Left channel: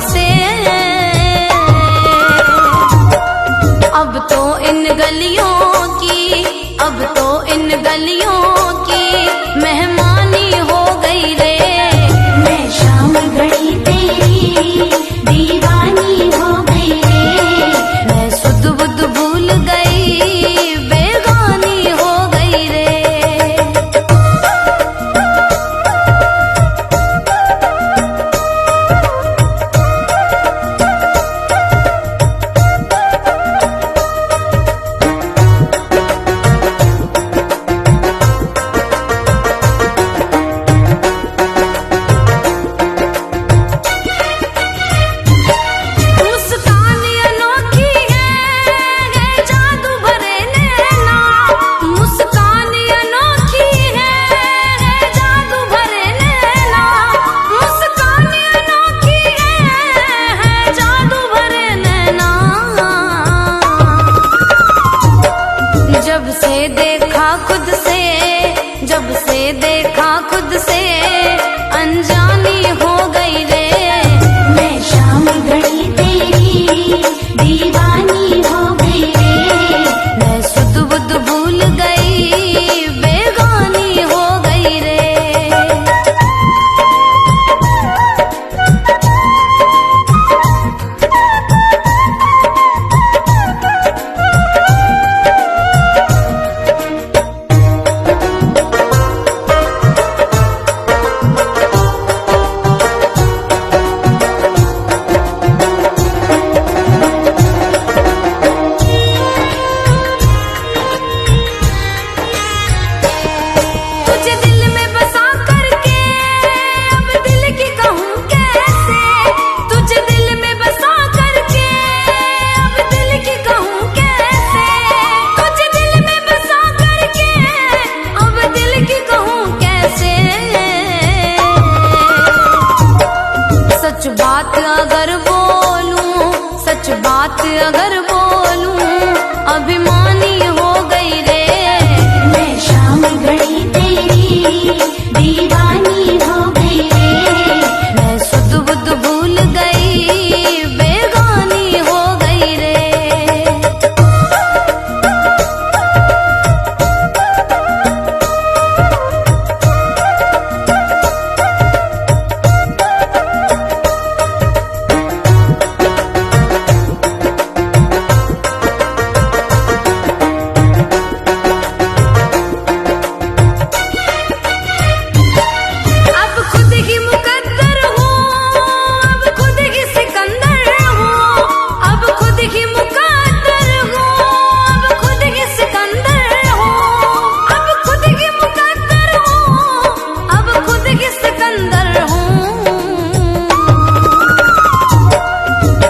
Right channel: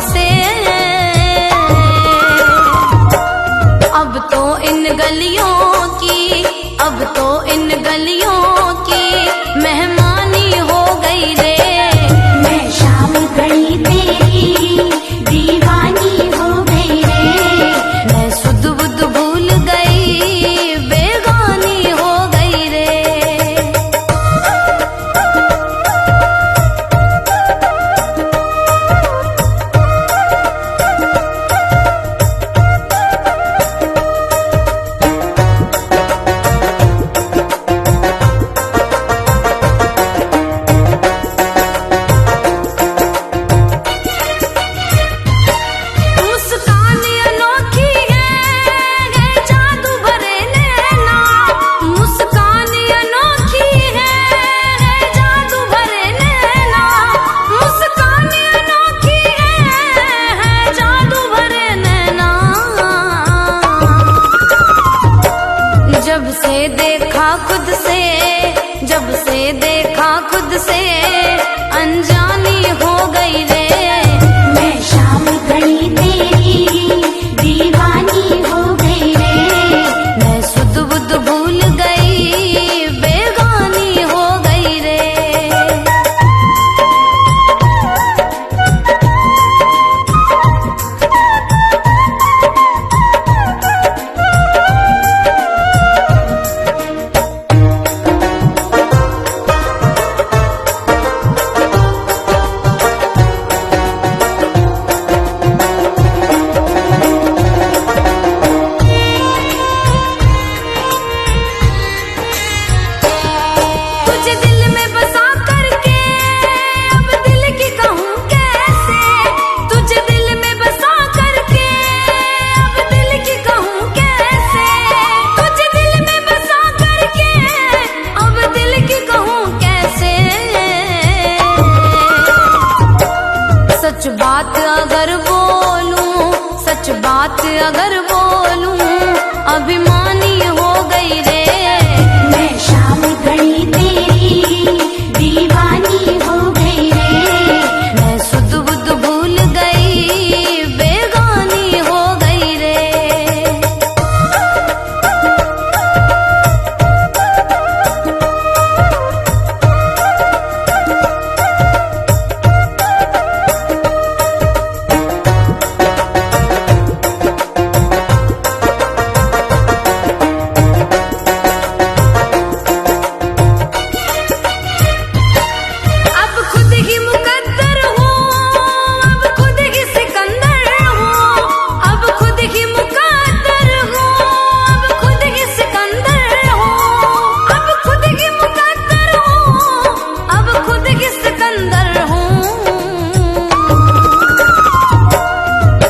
से। अब तो इन गलियों की, अब तो इन गलियों की मेहमानी हो गई रे। मैं शाम गई तेरी दीवानी हो गई रे। मैं सुध बुध भूल गई, बेगानी हो गई रे। जब से देखा खुद से, जब से देखा खुद से अनजानी हो गई रे। मैं शाम गई तेरी दीवानी हो गई रे। मैं सुध बुध भूल गई, बेगानी हो गई रे। सच बात अगर बोलूं, सच बात अगर बोलूं अभिमानी हो गई रे। मैं शाम गई तेरी दीवानी हो गई रे। मैं सुध बुध भूल गई, बेगानी हो गई रे।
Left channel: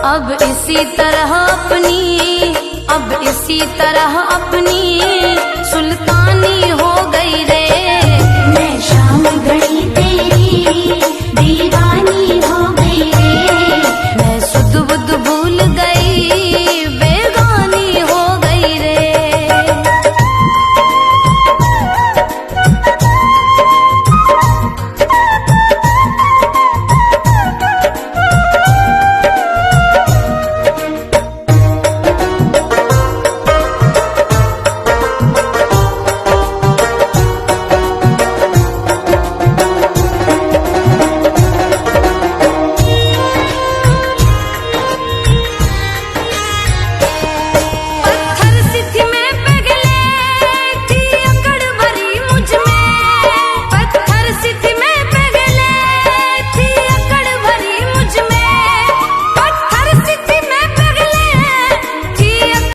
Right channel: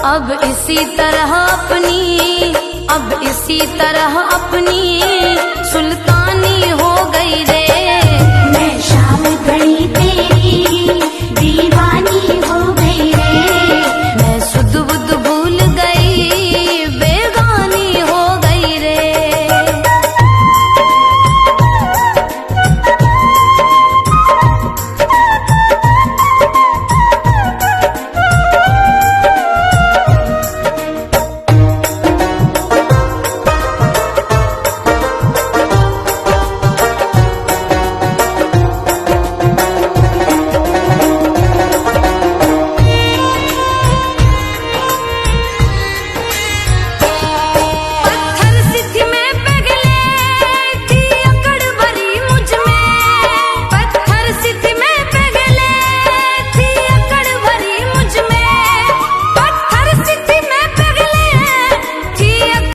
अब इसी तरह अपनी, अब इसी तरह अपनी सुल्तानी हो गई रे। मैं शाम गई तेरी